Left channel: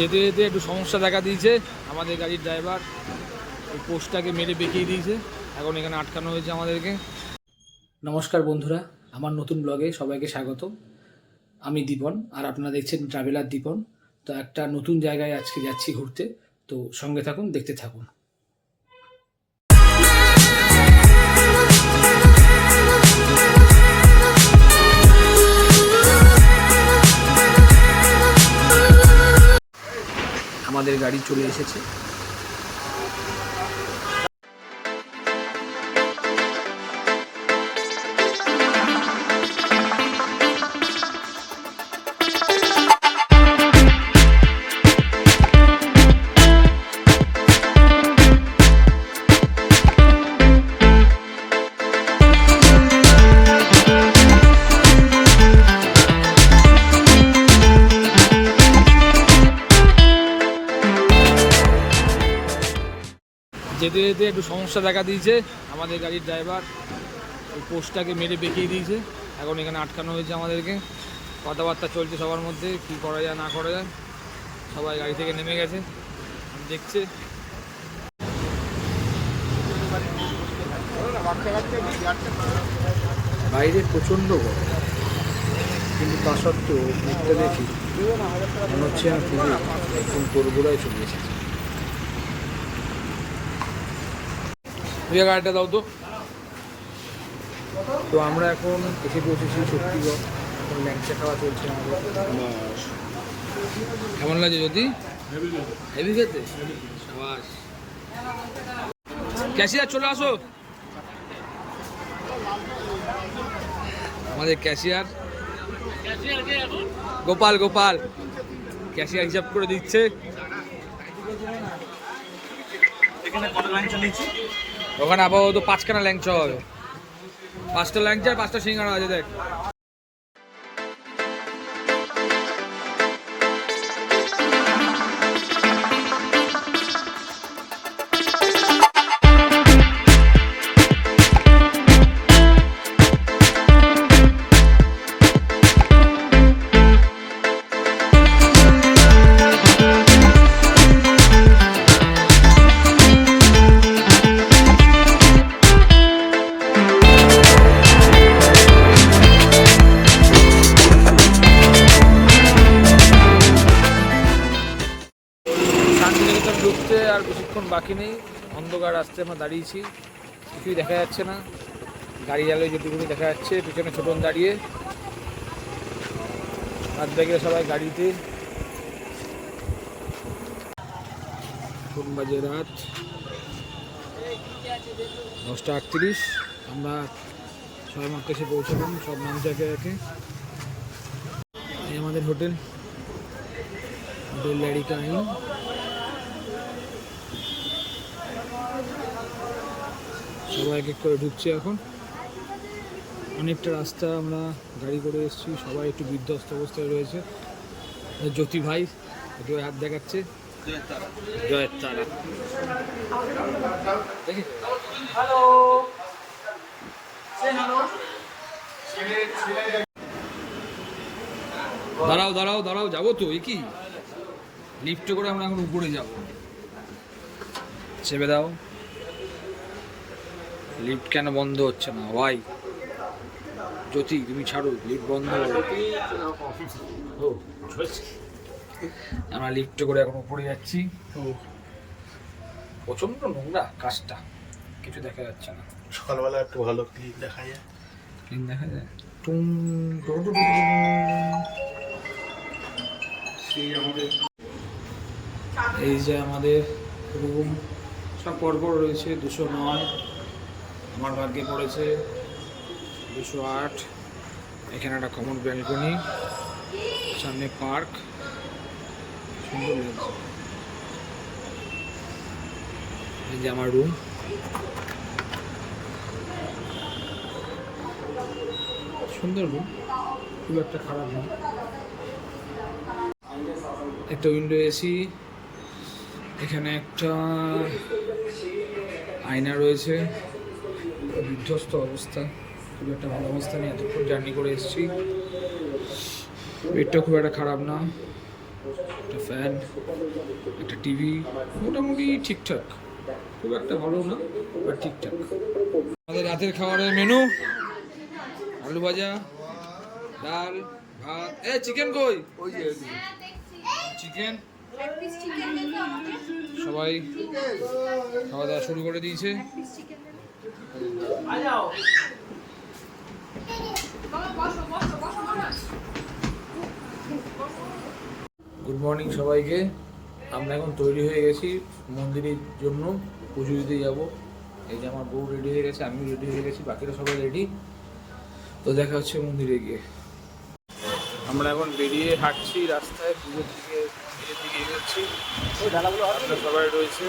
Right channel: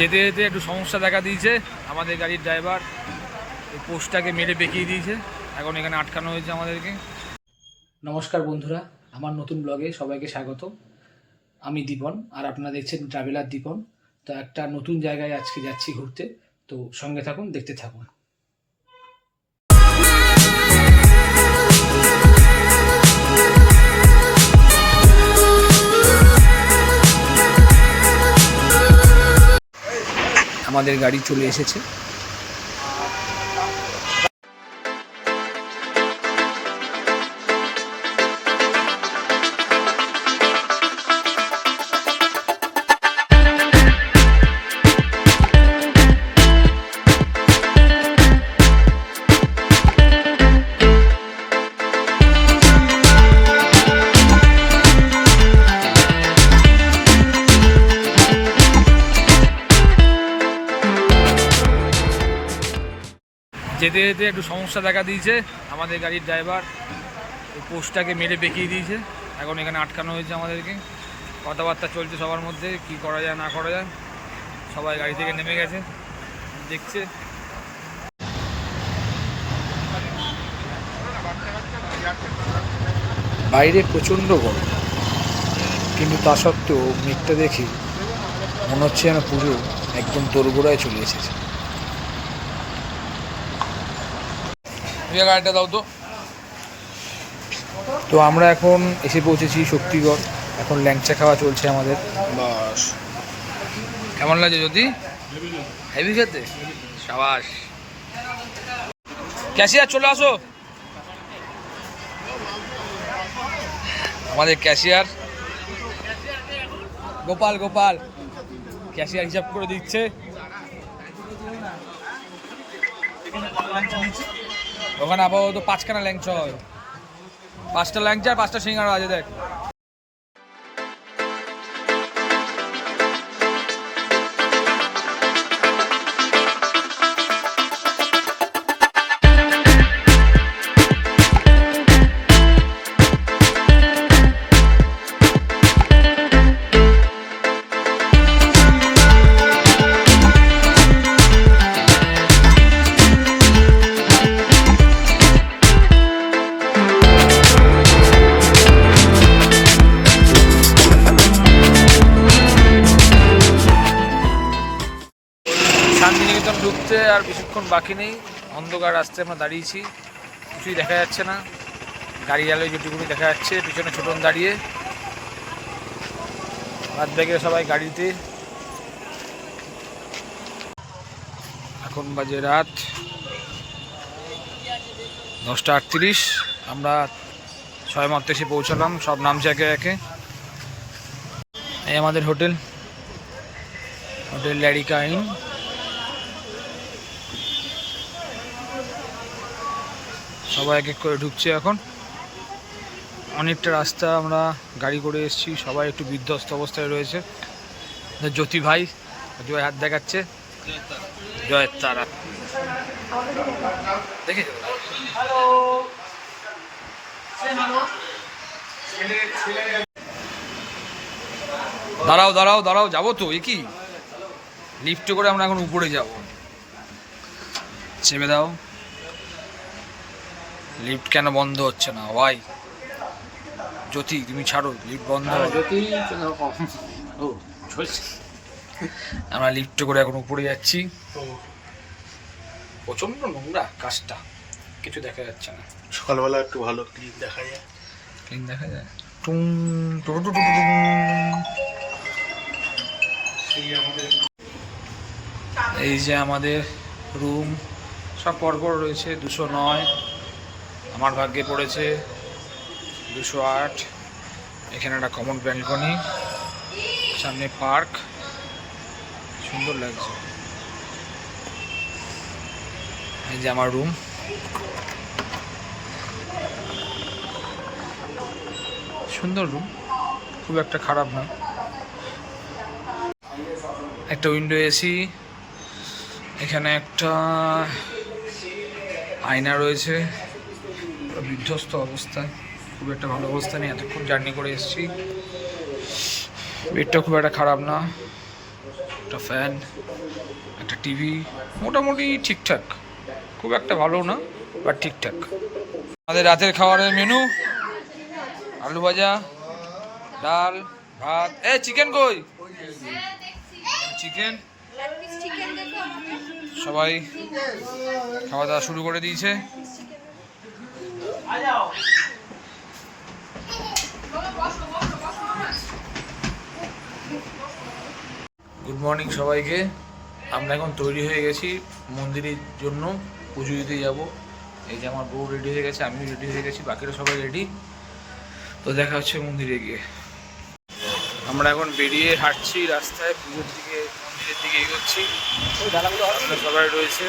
যেতে যেতে একটু সমস্যা দেখা দিয়েছে। আমাদের গাড়ির ড্রাইভার এই পোস্টটাকে মেরে বেঁকিয়ে দিয়েছে। এখন এখানে আটকানো হয়েছে আমাদেরকে। নমস্কার বন্ধুরা, আমার নতুন ব্লগে সবাইকে স্বাগত আমি দীপন, আর আপনারা দেখছেন ট্রাভেলার দীপন তো একটা নতুন জায়গায় আজকে যাচ্ছি ঘুরতে। তো সঙ্গে থাকুন, দেখতে থাকুন। আমাদের গাড়ি চলে এসেছে। যেতে যেতে একটু সমস্যা দেখা দিয়েছে। আমাদের গাড়ির ড্রাইভার এই পোস্টটাকে মেরে বেঁকিয়ে দিয়েছে। এখন এখানে আটকানো হয়েছে আমাদেরকে। কথাবার্তা চলছে সবার মধ্যে, কি করা যায়, না করা যায়। সবাই গাড়ি থেকে নেমে গেছে। দেখছে। বাইরে প্রচণ্ড গরম। কিন্তু তা সত্ত্বেও মেঘটা দেখি মনে হচ্ছে যেন পুজো একদম তোরগোড়ায় চলে এসেছে। ভুয়া গাড়িটা দাও তো। তো আমরা এখন এসে পৌঁছেছি শক্তিগড়। এখন ল্যাংচা খাওয়া চলছে আমাদের। বাস। কেমন লাগছে যদি হেভি খেতে। সাবাস। ক্যাশিয়ার চলে আসো। আমাদের ক্যাশিয়ার। গোপাল গোপাল। ক্যাশিয়ার হিসাব করে দিচ্ছে। এখানে কত নিচ্ছি ওখানে আপাতত পাঁচখানা ল্যাংচা হবে। পাঁচটা ল্যাংচা আর পাঁচটা সিঙ্গারা আছে দেখ। বাকি নেই, অন্ধকার রাস্তায় আমরা দাঁড়িয়েছি, কিছুই দেখা যাচ্ছে না। গাড়ি আলোয় যেটুকুনি দেখা যাচ্ছে, পিছনে ছোটন দাঁড়িয়ে। বাদ বাকি সবাই গাড়িতে। এখন বাজে রাত দশটা আটত্রিশ, আমরা ছয় মাত্র এসে পৌঁছালাম, সব নামছে একে একে। এই আমাদের হোটেল হোটেল ল্যারিকা ইন। সবাই এক এক করে ঢুকছে এখন। অনেকটা রাস্তা আমরা গাড়ি করে এসেছি সবাই একটু বিধ্বস্ত অবস্থায় রয়েছে। জ্যোতি ভাই জ্যোতি ভাই হাত দেখাচ্ছে। জয়ের তারা। দেখে দাঁড়াও দাঁড়াও দাঁড়াও যাব তো এ কি লিফটে করে আমরা এখন উপরে যাব। চেপে দাও। লিফট কেন বন্ধ হচ্ছে না? ভাই। জ্যোতি তুমি ছাড়ো লিফট বন্ধ আমরা লিফটে করে এখন উপরে যাচ্ছি। প্রচণ্ড নোংরা কাজটা। কিছু দেখা যাচ্ছে না। সকালবেলা একটু ভালো ক্লিন দেখা যায়। ক্লিন দেখা যায়? টুং টু টু টু টু টুং। এই যে আমাদের রুম সব পরপর রয়েছে দুশো নয়। আমার ভাগ্যে পড়েছে দুশো আট, এখানে একটা কমন ব্যালকনি সামনে পার্ক সুন্দর লাগছে। এই যে আমার রুম সুন্দর রুম খুব একটা খারাপ না। একটা উইন্ডো এসি, এখানে একটা আয়না রয়েছে। বিধ্বস্ত অবস্থা। খুব একটা ভালো অবস্থা নেই, এতক্ষণ জার্নি করে এসেছি। বেডটা খুব একটা খারাপ না। একটা ফ্যান একটা টিভি মোটামুটি ঠিকঠাক। খুব একটা ভালো না বাট ঠিকঠাক। আমাদের রাতের খাবারের মেনু আলু ভাজা, ডাল, ভাত। এ চিকেন কই? চিকেন সবাই খাওয়া দাওয়া শুরু করে দিয়েছে। গুড মর্নিং সবাইকে। আমরা এখন তৈরি হয়ে গেছি মন্দিরের জন্য। পুজো দিতে যাব। এই যে আমার বউ রেডি হয়ে গেছে, আমিও রেডি হয়ে গেছি, বাকিরা সবাই রেডি তো দেখা হচ্ছে মন্দিরে গিয়ে। আমরা এখন বেরিয়ে হাঁটছি রাস্তায়, পুজোর দিকে, মন্দিরের দিকে এগোচ্ছি। আমরা সবাই রয়েছে।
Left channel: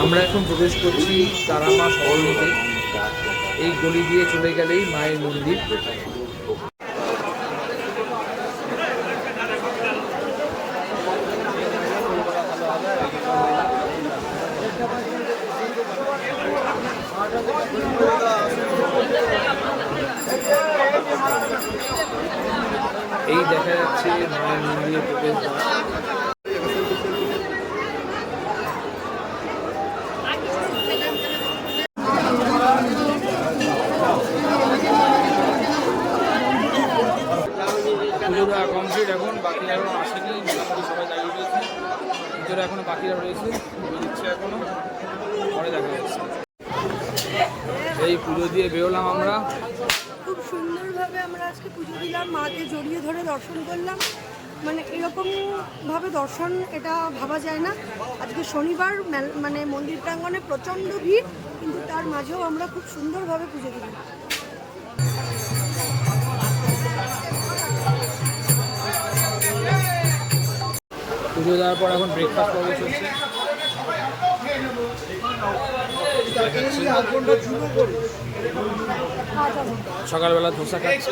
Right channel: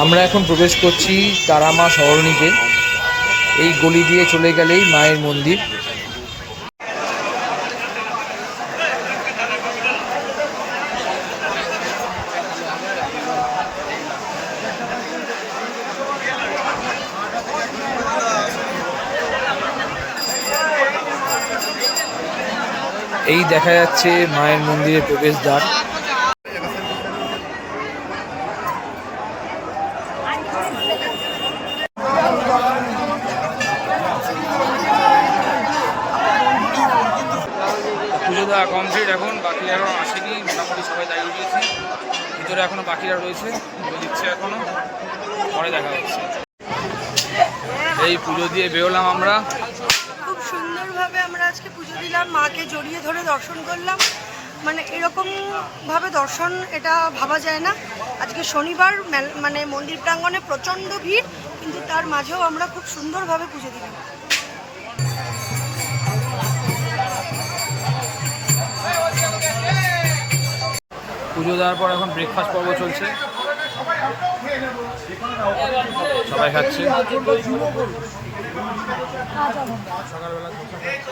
আমরা এখন প্রবেশ করছি তারামা সরণিতে। এই গলি দিয়ে চলে গেলেই মায়ের মন্দির। এই দেখা যাচ্ছে মায়ের মন্দিরের প্রবেশদ্বার। পুজো দেওয়া কমপ্লিট এখন, বাকি এখন আসেনি, মোটামুটি সবাই দাঁড়িয়ে দিয়েছে ভিতরে এখনও বাকিরা রয়েছে, পুজো দিচ্ছে এখনও। পরে দেখা হচ্ছে। এই পুজো দিয়ে বেরোলাম আমরা। সুন্দরভাবে আমরা আজকে পুজো দিলাম, মাকে জড়িয়ে ধরে দর্শন করলাম। মানে এরকম ভাবে দর্শন এটা ভাবা যায় না। আজকে শনিবার মানে মন্দির প্রাঙ্গণে প্রচণ্ড ভিড়, কিন্তু তার মাঝেও আমরা খুব সুন্দরভাবে পুজো দিলাম। পুজো দেওয়ার পর এখন ব্রেকফাস্ট পর্ব চলছে। সবাই খাচ্ছে। সকালবেলা ধোসা খাচ্ছে।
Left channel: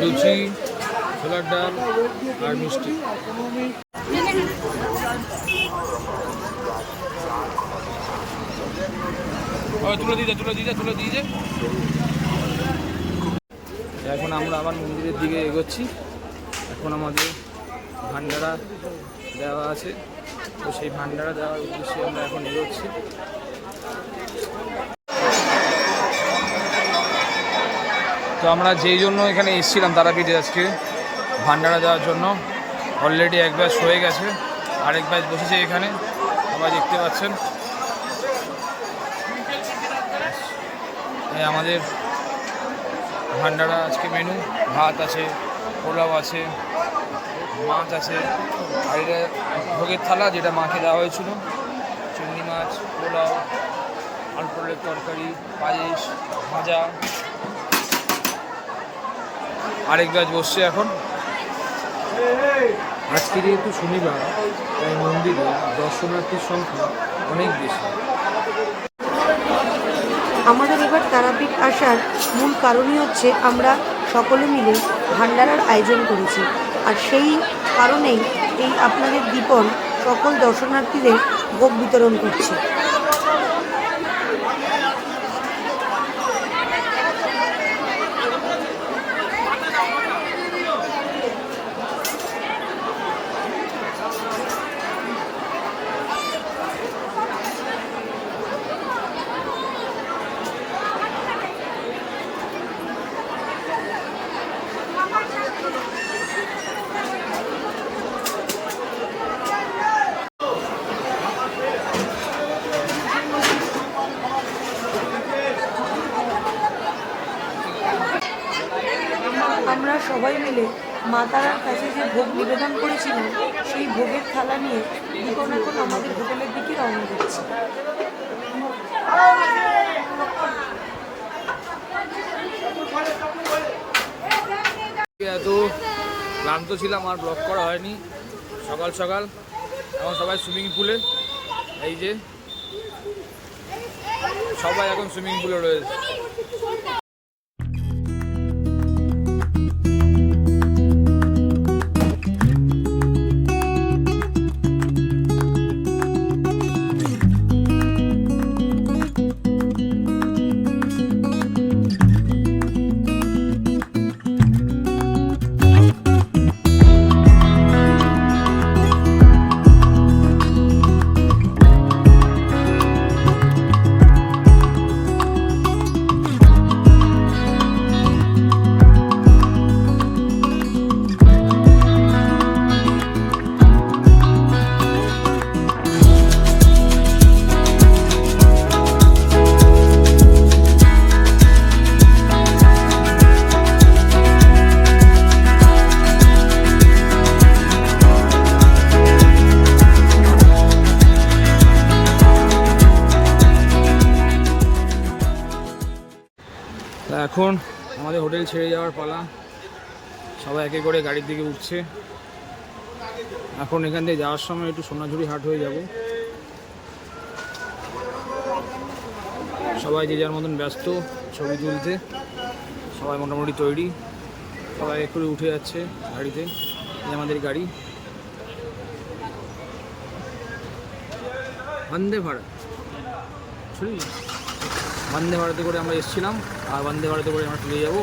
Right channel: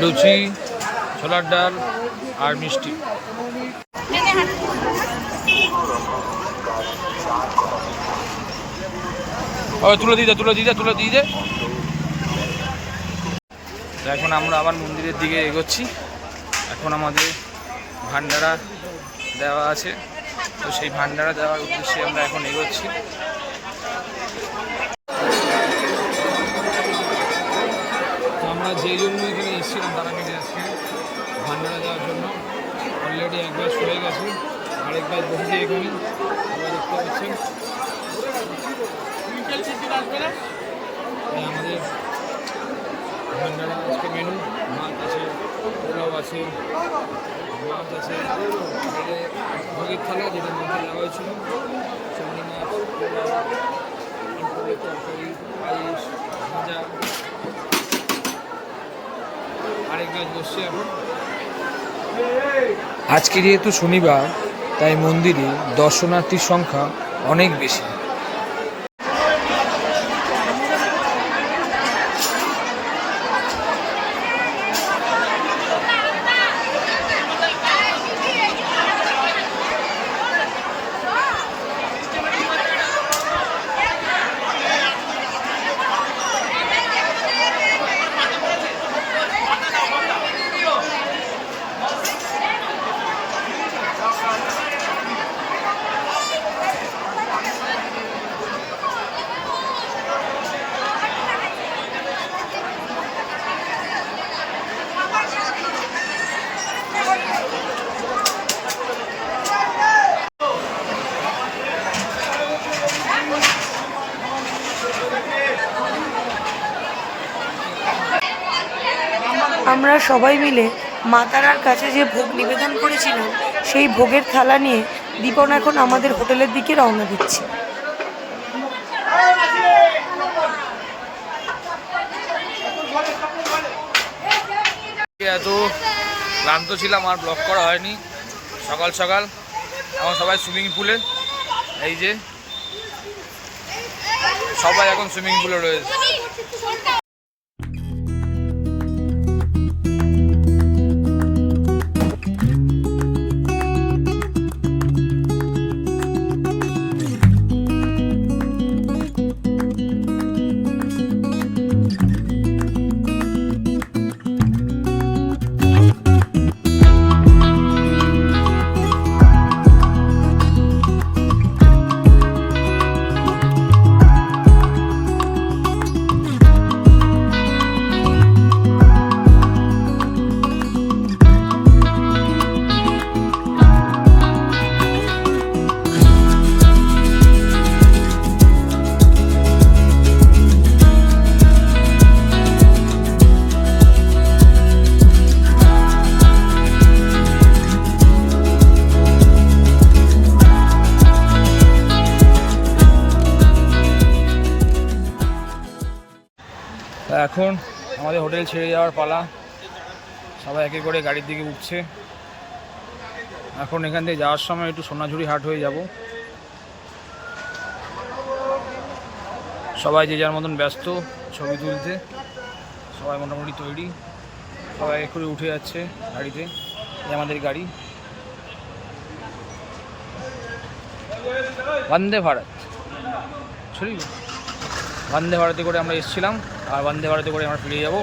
লুচি, ছোলার ডাল আর মিষ্টি। তুলে দিয়ে তুলে দিয়ে তুলে দিয়ে। এখন আমরা আবার মন্দিরের দিকে এগোচ্ছি। এখন আমাদের ভান্ডারা দেওয়া আছে। তো সেই ভান্ডারা দেওয়ার উদ্দেশ্যে আমরা এখন এগোচ্ছি। তো আমরা যেই জন্য এখানে এসেছিলাম তারাপীঠে আজকে ভান্ডারা দেওয়ার জন্য অলরেডি এক ব্যাচ হয়ে গেছে, আরেক ব্যাচ বসেছে এখানে, সবাই দেখতে পাচ্ছেন। আমাদের ভান্ডারা আজকে মেনু ভাত আছে পোলাও আছে, মাছ আছে, আর এটা ভোগের থালা যেটা মাকে দেওয়া হয়েছিল, চিংড়ি মাছ, পোলাও, আলু পটলের তরকারি, পায়েস, ভাজা। আরেক গাছ বসছে এখন। আজকে যেহেতু শনিবার, তাই মন্দিরে দর্শনার্থীর সংখ্যা অনেক বেশি। আমাদের এবার তারাপীঠ আসার মূল কারণই হচ্ছে আমরা সকলে মিলে ভান্ডারার আয়োজন করেছি। আর সেই কারণেই এই আপনাদের দীপন সকল দর্শনার্থীদের ভোগ বিতরণ করছে। আমরা সবাই মিলে মাতারার কাছে যে ভোগ নিবেদন করেছিলাম, সেই ভোগের থালা নিয়ে দীপন এখন আমাদের হোটেলের দিকে রওনা দিচ্ছে। এত ক্লান্ত ছিলাম, আর ব্লক করা হয়নি। সকাল সকাল এখন সবাই সুইমিং পুলে এই যে, সবাই এখন সুইমিং পুলে রয়েছে। এখন আমাদের হোটেল ছেড়ে যাওয়ার পালা। সবাই একে করে গাড়ির দিকে উঠছে। এখন এখান থেকে যাওয়ার সময় একটু সোনাঝুরি হাট হয়ে যাব। সবাই যে যার মতন ব্যস্ত ছবি তুলতে, সবাই মোটামুটি তৈরি। সবাই এক করে উঠে যাচ্ছে গাড়িতে। এই আমাদের গাড়ি। বন্দে ভারত। সরি বন্দে ভারতে করে আমরা এসেছিলাম। আর বন্দে ভারতে করে আমরা ফিরে যাব।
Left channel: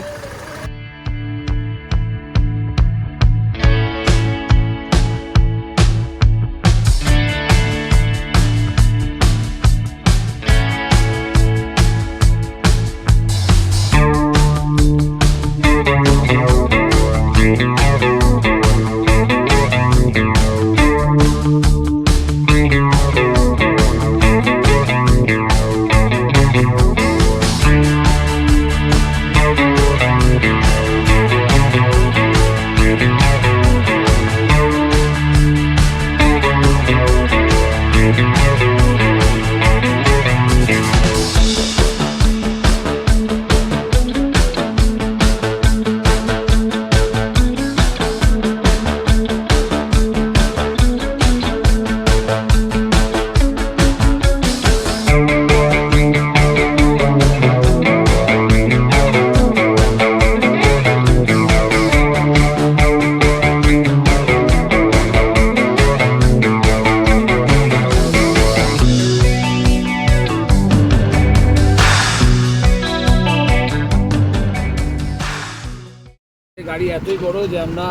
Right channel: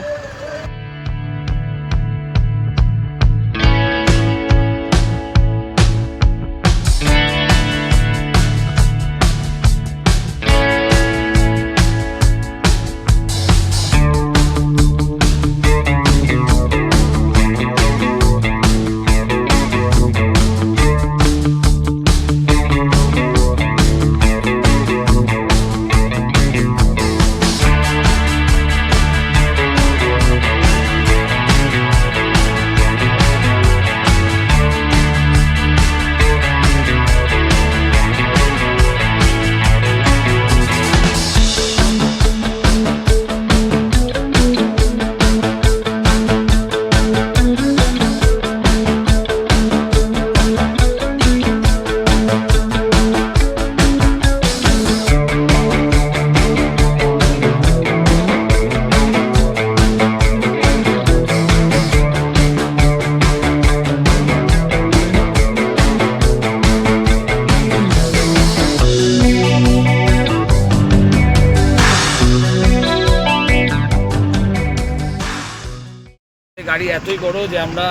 এতই বড় যে আমরা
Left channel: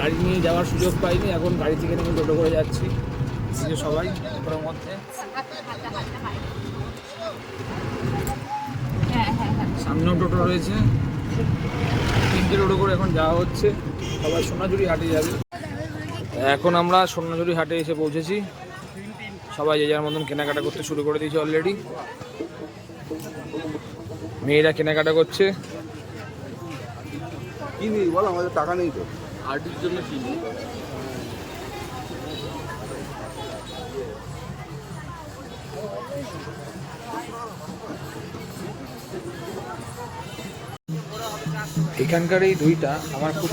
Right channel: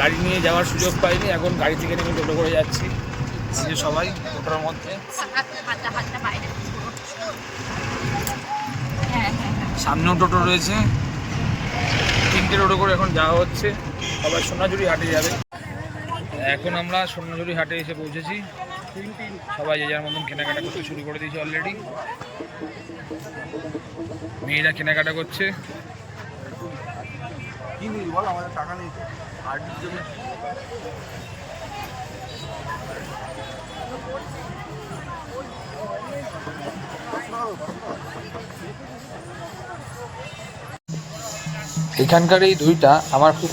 গাড়ি নিয়ে যাওয়ার সুযোগ পাইনি, এখন গাড়ি থেকে নেমে টোটো করে যাচ্ছি। যে সবাই টোটোর মধ্যে। সামনেও টোটো রয়েছে। তিনটে টোটো করে এখন যাওয়া হচ্ছে। সবাই সোনাঝুরি হাটে যাবে। এখন আমরা সোনাঝুরি হাটে এসে পৌঁছেছি। সবাই যে যার মতন কেনাকাটা করতে শুরু করে দিয়েছে অলরেডি মেয়েরা কেনাকাটা করছে। কি নিবি বল আমাদের টাকা নেই তো। এখানকার এই দইটা আমার খুব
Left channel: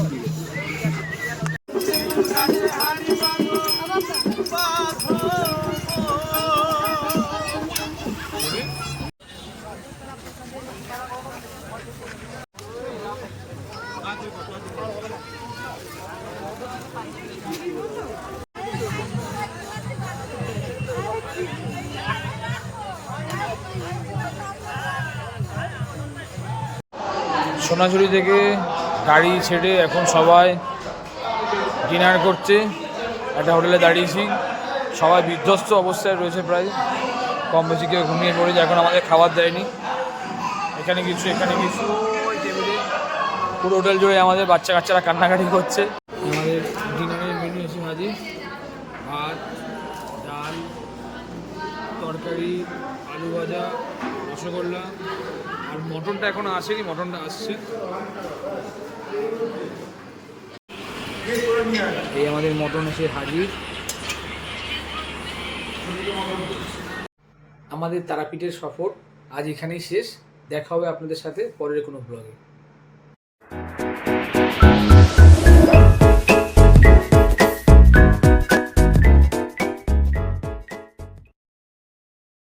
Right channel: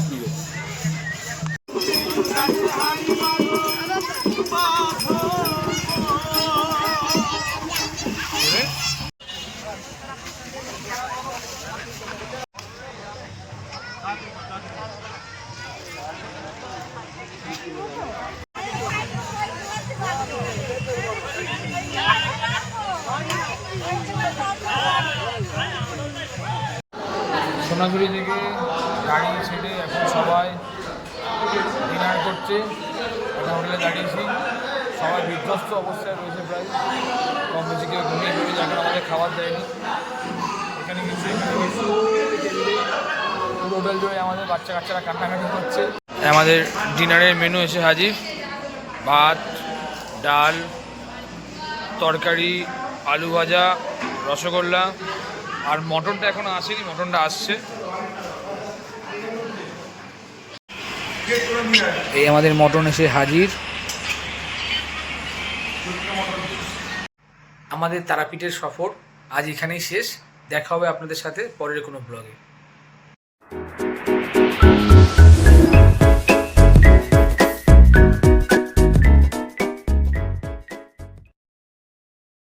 সোনাঝুরি থেকে গাড়ি ছেড়ে এখন সবাই ডিনার করছে, একটা হোটেলে দাঁড়িয়েছি। সবাই বিধ্বস্ত অবস্থায় রয়েছে প্রায়। কম বেশি কেউ ঘুমিয়ে পড়েছে, এখন আমাদের খাবার দেয়নি। এখানে কিছু এখানে কিছু। পুরো হোটেল জুড়ে আমাদের বাচ্চা কাচ্চারা কান্নাকাটি করছে। আমাদের ডিনারের মেনু এসে হাজির। ভাত, ডাল, তরকারি, আলু ভাজা, রসগোল্লা। আর মটনটা এখনও আসেনি, মটনটা আসছে। এই আমাদের মটন এসে হাজির। আমাদের তারাপীঠের সফর আজ এখানেই শেষ। দেখা হবে আপনাদের সাথে পরের কোনো ব্লগে